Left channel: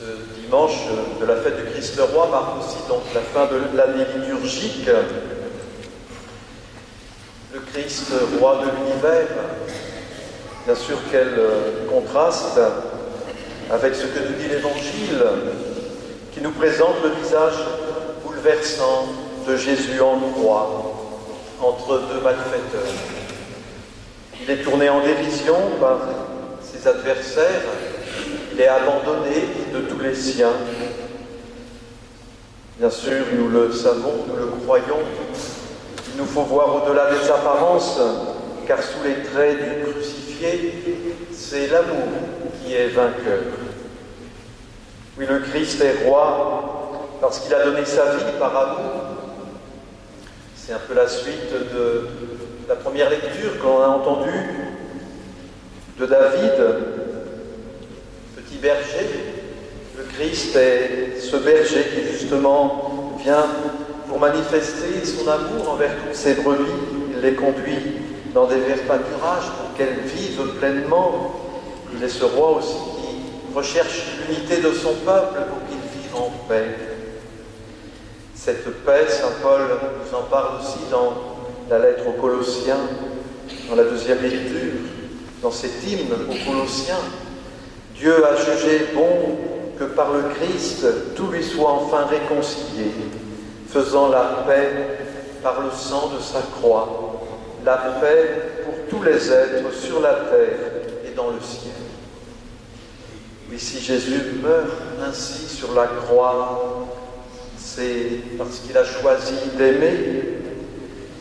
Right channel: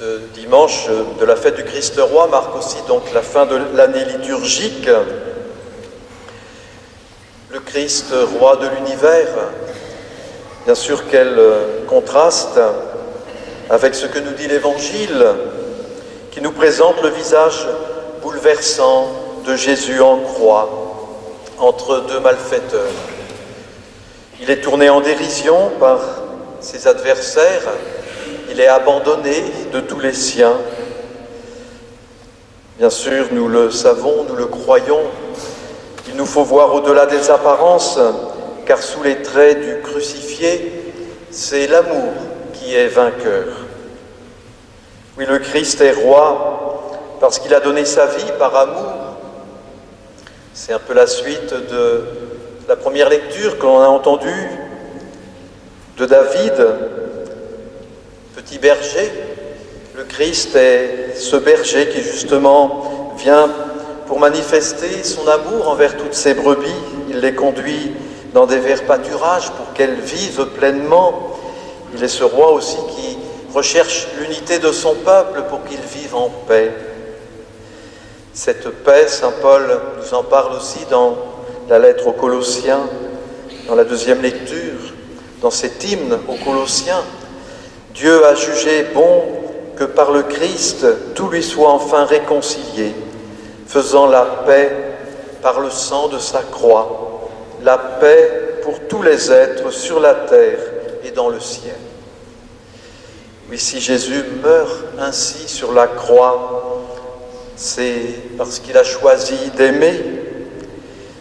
Ce dimanche de la fête du Christ roi marque aussi donc la fin de l'année liturgique. Le Christ roi de l'univers, bien sûr quel contraste avec ce que nous dit l'Évangile, qui nous présente le visage bouleversant de Jésus en croix, entre deux malfaiteurs. Il est tourné en dérision par ses adversaires, il est abandonné de tous les siens. Bien sûr, nous le savons, nous le croyons, il nous faut voir au-delà des apparences, car sous les traits du crucifié, c'est l'amour qui est vainqueur. Oui, le Christ est roi parce qu'il a donné sa vie par amour. C'est un peu la suite de la première lecture que l'on a entendue de David, petit berger. Le Christ est ce berger qui justement vient pour manifester son amour envers toutes ses brebis. Il les conduit dans des verts pâturages pour qu'elles vivent pleinement. Il est ce roi aussi qui recherche l'unité de son peuple pour qu'il vive en paix. Cette paix, saint Paul nous en parle aussi dans la lettre aux Colossiens, dans la deuxième lecture, dans cet hymne aux Colossiens. Dieu a jugé bon que par le Christ tout lui soit enfin réconcilié, faisant la paix par le sang de sa croix, la paix pour tous les êtres sur la terre et dans le ciel. Oui, si Jésus meurt ainsi sur la croix, c'est parce qu'il a choisi d'aimer,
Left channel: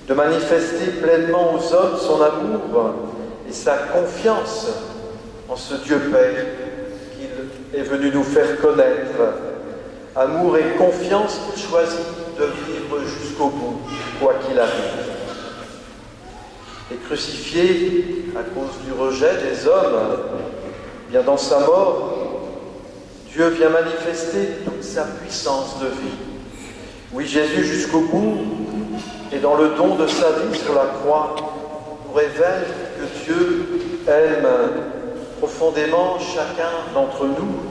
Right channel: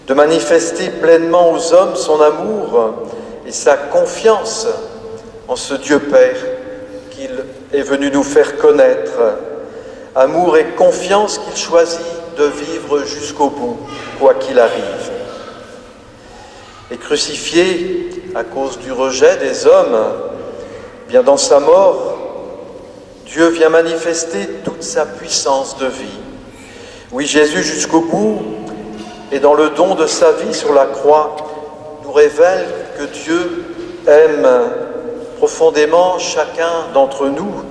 de manifester pleinement aux hommes son amour et sa confiance en ce Dieu Père qu'il est venu nous faire connaître. Amour et confiance qu'il choisit de vivre jusqu'au bout, quoi qu'il arrive. Et crucifié à cause du rejet des hommes, bien dans sa mort, Dieu vient manifester toute sa puissance de vie. Oui, Jésus jusqu'au bout, et dans le don de sa vie sur la croix, nous révèle que Dieu aime profondément chacun d'entre nous,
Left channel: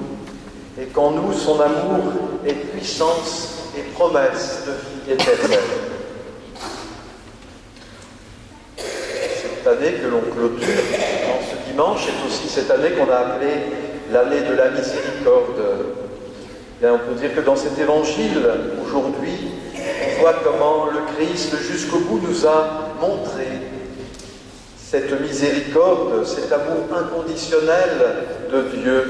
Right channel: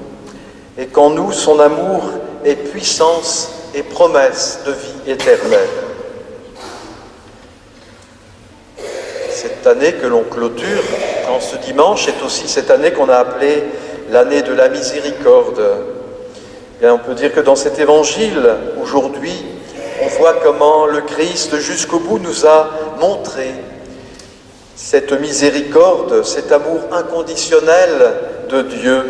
et qu'en nous, son amour est puissance et promesse de vie éternelle. Cette année que l'on clôture en ce dimanche est aussi cette année qu'on a appelée l'année de la miséricorde. Bien, on peut dire que dans cet évangile, aujourd'hui, on voit comment le Christ, jusqu'au bout, nous a montré cette miséricorde, cet amour inconditionnel de Dieu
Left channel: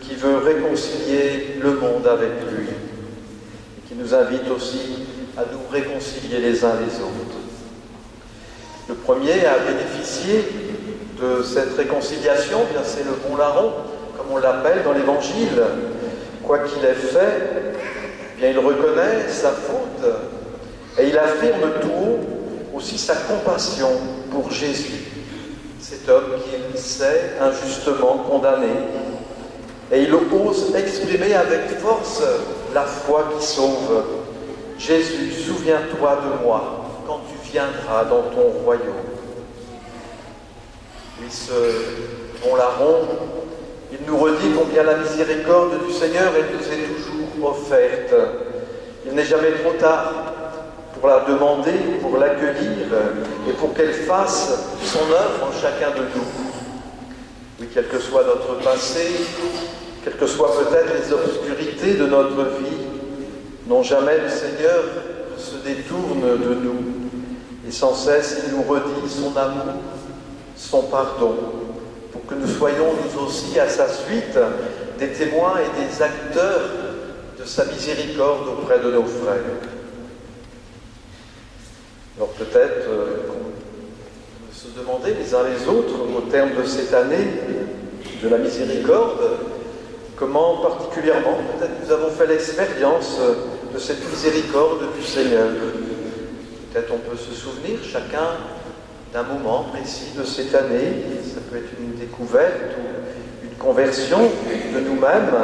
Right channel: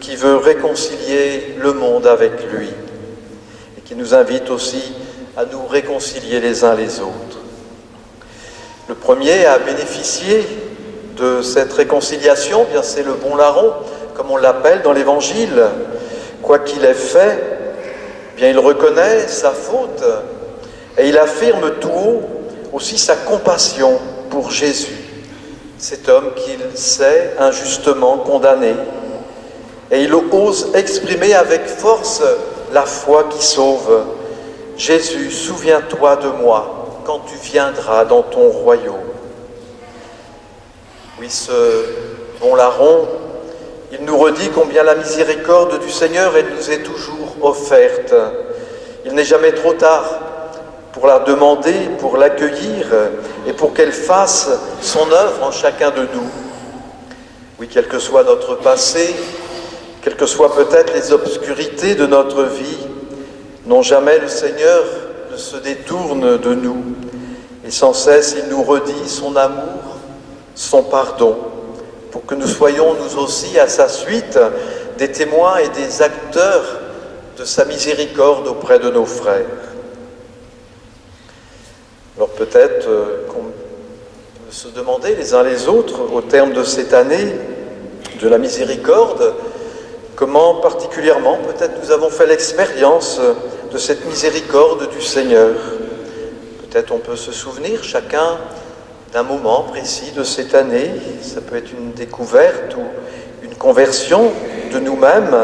qui veut réconcilier le monde avec lui et qui nous invite aussi à nous réconcilier les uns les autres. Le premier à bénéficier de cette réconciliation, bien c'est le bon larron, comme on l'appelle dans l'Évangile. Quoi qu'il ait fait, bien il reconnaît sa faute et il affirme tout haut aussi sa compassion pour Jésus, cet homme qu'il sait injustement condamné. Et il ose exprimer avec force la foi qui sauve. Jésus, souviens-toi de moi quand tu viendras dans ton royaume. Oui, ce bon larron, il nous redit combien la miséricorde du Seigneur, elle nous est toujours offerte. Il n'est jamais trop tard pour la demander, pour l'accueillir et pour qu'elle fasse son œuvre en chacun de nous. Oui, quel que soit notre passé, quelles que soient peut-être les obscurités de notre vie, non jamais le Seigneur ne se détourne de nous. Et sans cesse, il nous redit son amour, son pardon, pour que nous soyons nous aussi à sa suite des témoins et des acteurs de sa miséricorde auprès de nos frères. Alors peut-être qu'on peut se demander les uns les autres, au terme de cette année de la miséricorde, comment particulièrement peut-être nous avons fait l'expérience de cette miséricorde du Seigneur. Peut-être on peut se souvenir chacun d'un moment précis de cette année. Ça peut être une découverte ou une conversion de nous-mêmes.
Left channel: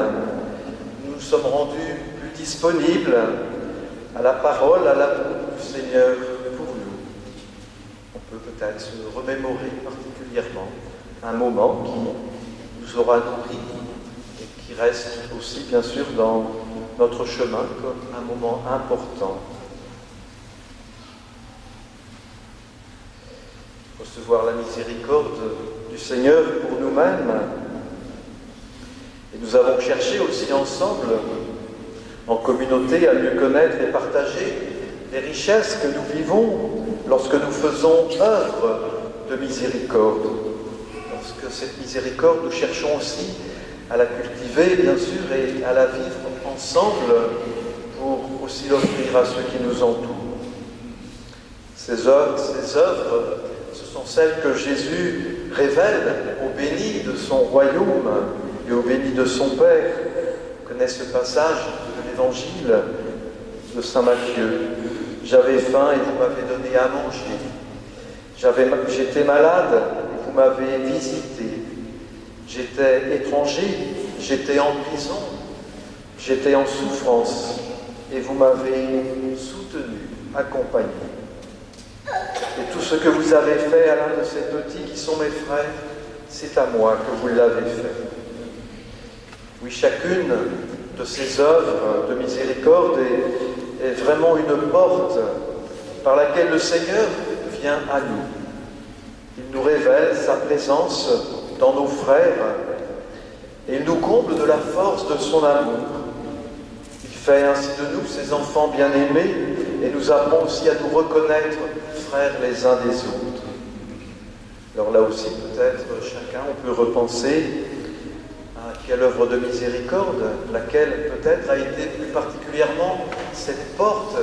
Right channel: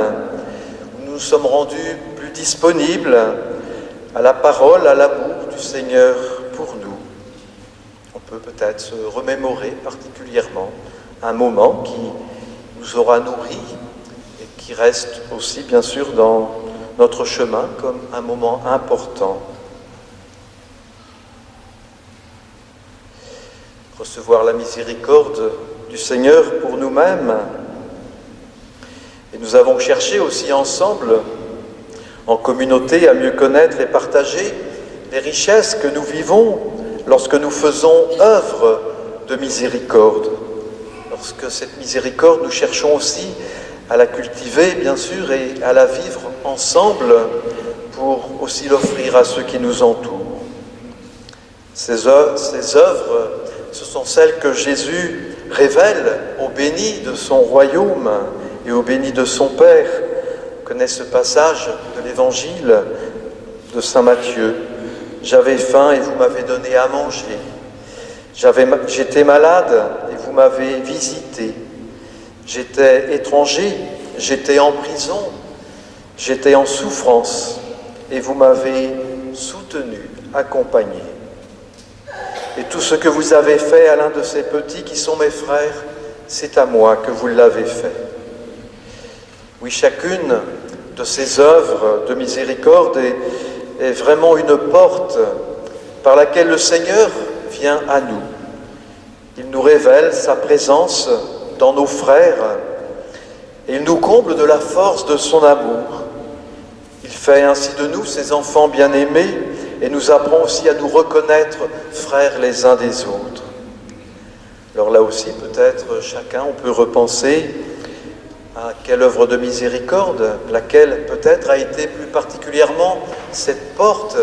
Nous nous sommes rendus plus disponibles à la parole, à l'amour du Seigneur pour nous. On peut peut-être se remémorer particulièrement un moment qui nous aura nourris et qui qui reste aussi bien sûr dans notre chemin comme un moment important. Recevoir la miséricorde du Seigneur pour nous-mêmes. Et nous avons cherché aussi ensemble, en communauté, à mieux connaître et partager les richesses que nous vivons lorsque nous faisons œuvre de miséricorde. Lorsque cette miséricorde, nous cherchons aussi à la cultiver, bien sûr, et à la vivre ensemble pour aussi l'offrir à ceux qui nous entourent. Ces œuvres, ce sont celles que Jésus révèle aux bénis de son royaume et aux bénis de son Père. On connaît ce passage de l'Évangile de saint Matthieu. « J'avais faim et vous m'avez donné à manger. J'étais malade et vous m'avez visité. J'étais étranger, j'étais en prison, j'étais en souffrance et vous m'avez soutenu, accompagné. Et tout ce que vous avez fait à l'un de ces petits qui sont mes frères, c'est à moi que vous l'avez fait. » Oui, chacune de ces œuvres de miséricorde est vraiment une porte par laquelle le Seigneur vient à nous. Il nous révèle sa présence dans nos frères et il nous comble de la force de son amour. Il fait ainsi de nous ses enfants bien-aimés et nous apprend aussi à nous reconnaître frères les uns des autres. Alors là aussi, peut-être chacun, on peut repenser à quelle œuvre de miséricorde, laquelle peut-être a été plus particulièrement cette porte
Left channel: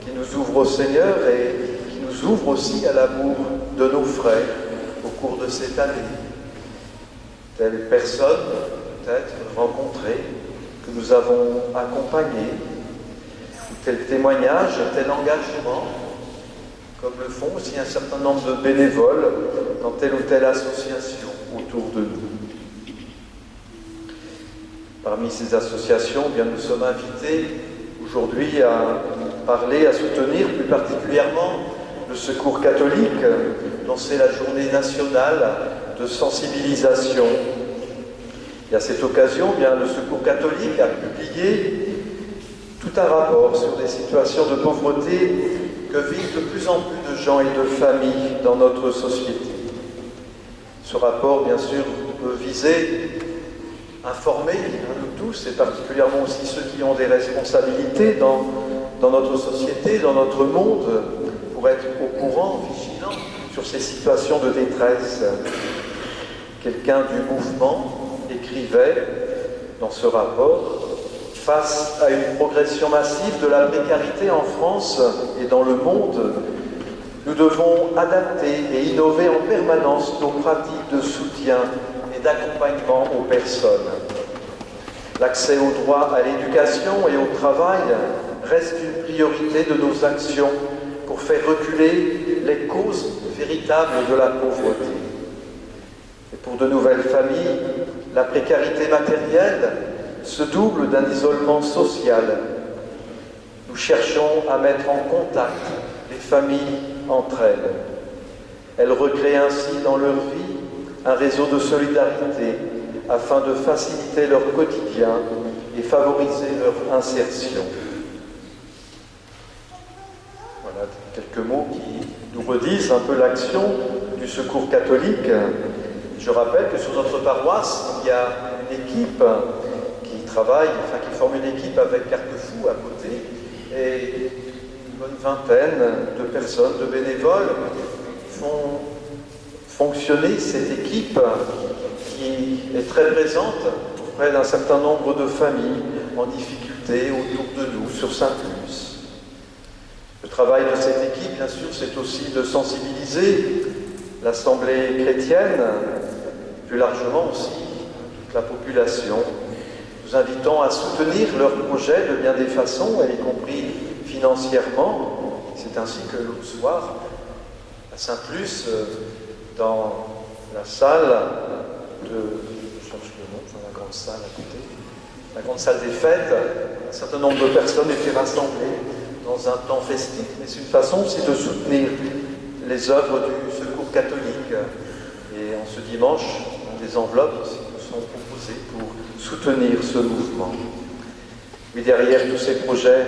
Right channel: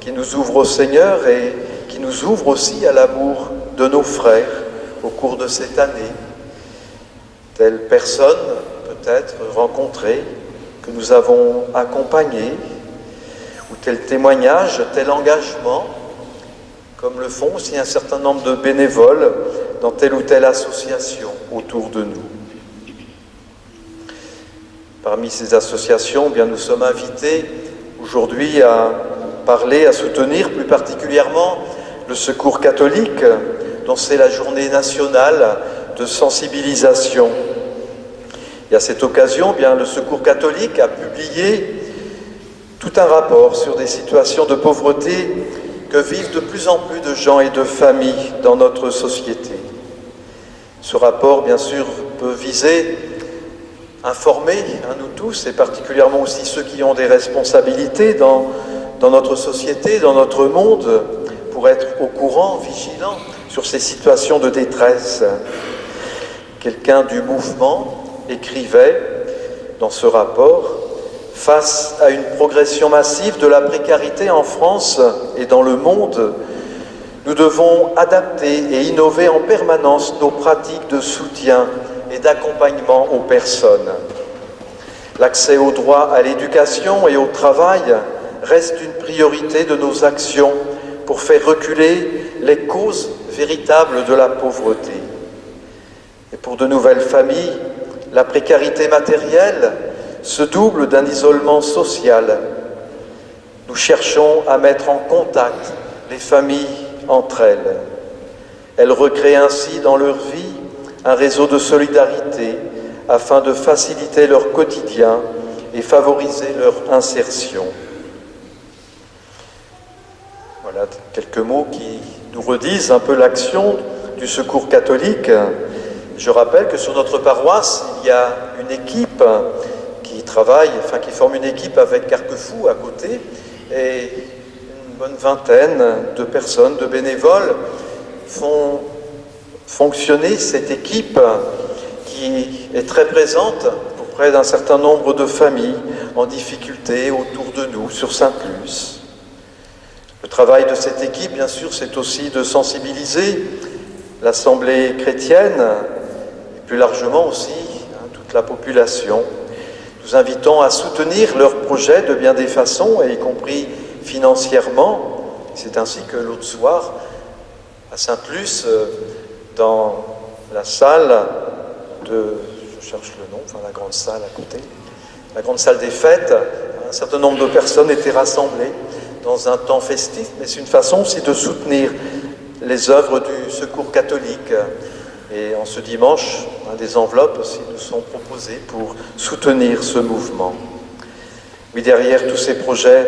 qui nous ouvre au Seigneur et qui nous ouvre aussi à l'amour de nos frères au cours de cette année. Telle personne peut-être rencontrée, que nous avons accompagnée, ou tel témoignage, tel engagement, comme le font aussi un certain nombre de bénévoles dans telle ou telle association autour de nous. Parmi ces associations, bien, nous sommes invités aujourd'hui à parler, à soutenir plus particulièrement le Secours catholique, dont c'est la journée nationale de sensibilisation. Et à cette occasion, bien, le Secours catholique a publié tout un rapport sur des situations de pauvreté que vivent de plus en plus de gens et de familles dans notre société. Ce rapport, bien sûr, peut viser informer nous tous, et particulièrement aussi ceux qui ont des responsabilités dans notre société, dans notre monde, pour être au courant, vigilants sur ces situations de détresse. Quelqu'un du mouvement écrivait dans ce rapport: « Face à une progression massive de la précarité en France et dans le monde, nous devons adapter et innover en permanence nos pratiques de soutien et d'accompagnement aux personnes. L'accès au droit à l'éducation et au travail reste une priorité de nos actions pour faire reculer les causes véritables de la pauvreté. Et pour de nouvelles familles, la précarité matérielle se double d'un isolement social. Nous cherchons à mettre en contact les familles entre elles. Elles recréent ainsi dans leur vie un réseau de solidarité afin de faciliter leur quotidien et favoriser leur insertion. » Voilà quelques mots qui nous redisent un peu l'action du Secours catholique. Je rappelle que sur notre paroisse, il y a une équipe qui forme une équipe avec Carquefou à côté, et une bonne vingtaine de personnes, de bénévoles, font fonctionner cette équipe qui est très présente auprès d'un certain nombre de familles en difficulté autour de nous, sur Saint-Plus. Le travail de cette équipe, bien sûr, c'est aussi de sensibiliser l'Assemblée chrétienne, et plus largement aussi toute la population. Nous invitons à soutenir leurs projets de bien des façons, et y compris financièrement. C'est ainsi que l'autre soir, à Saint-Plus, dans la salle la grande salle à côté, la grande salle des fêtes, un certain nombre de personnes étaient rassemblées dans un temps festif, mais c'est une façon aussi de soutenir les œuvres du Secours catholique. Et en ce dimanche des enveloppes aussi nous sont proposées pour soutenir ce mouvement. Oui, derrière tous ces projets,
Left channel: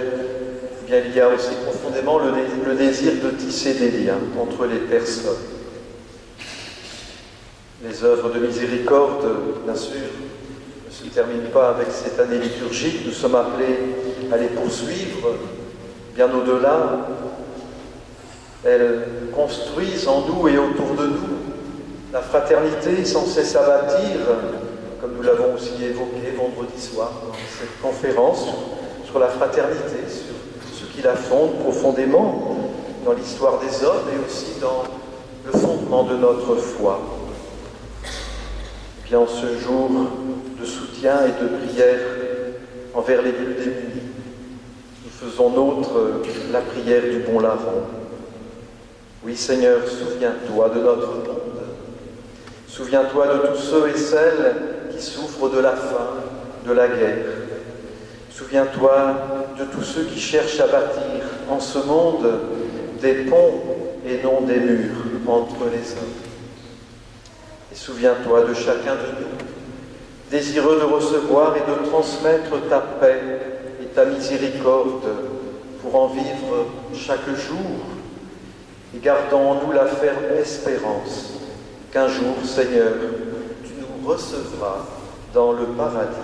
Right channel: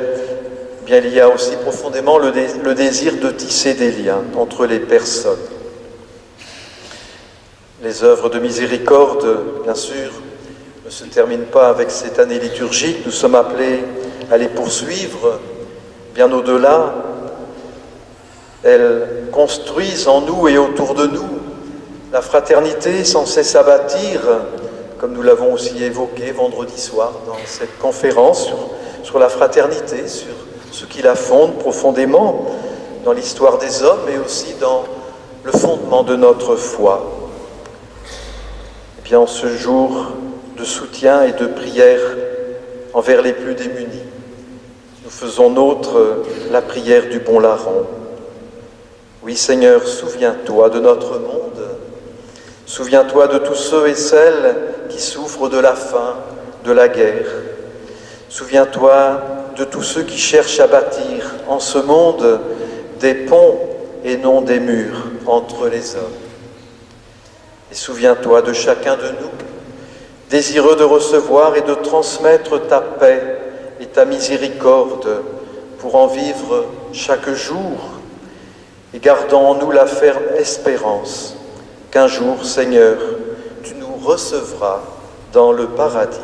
eh bien, il y a aussi profondément le désir de tisser des liens entre les personnes. Les œuvres de miséricorde, bien sûr, ne se terminent pas avec cette année liturgique. Nous sommes appelés à les poursuivre bien au-delà. Elles construisent en nous et autour de nous la fraternité sans cesse à bâtir, comme nous l'avons aussi évoqué vendredi soir dans cette conférence sur la fraternité, sur ce qui la fonde profondément dans l'histoire des hommes et aussi dans le fondement de notre foi. Et bien, en ce jour de soutien et de prière envers les plus démunis, nous faisons nôtre la prière du bon larron. Oui, Seigneur, souviens-toi de notre monde. Souviens-toi de tous ceux et celles qui souffrent de la faim, de la guerre. Souviens-toi de tous ceux qui cherchent à bâtir en ce monde des ponts et non des murs entre les hommes. Et souviens-toi de chacun de nous, désireux de recevoir et de transmettre ta paix et ta miséricorde pour en vivre chaque jour, et gardons en nous la ferme espérance qu'un jour, Seigneur, tu nous recevras dans le paradis.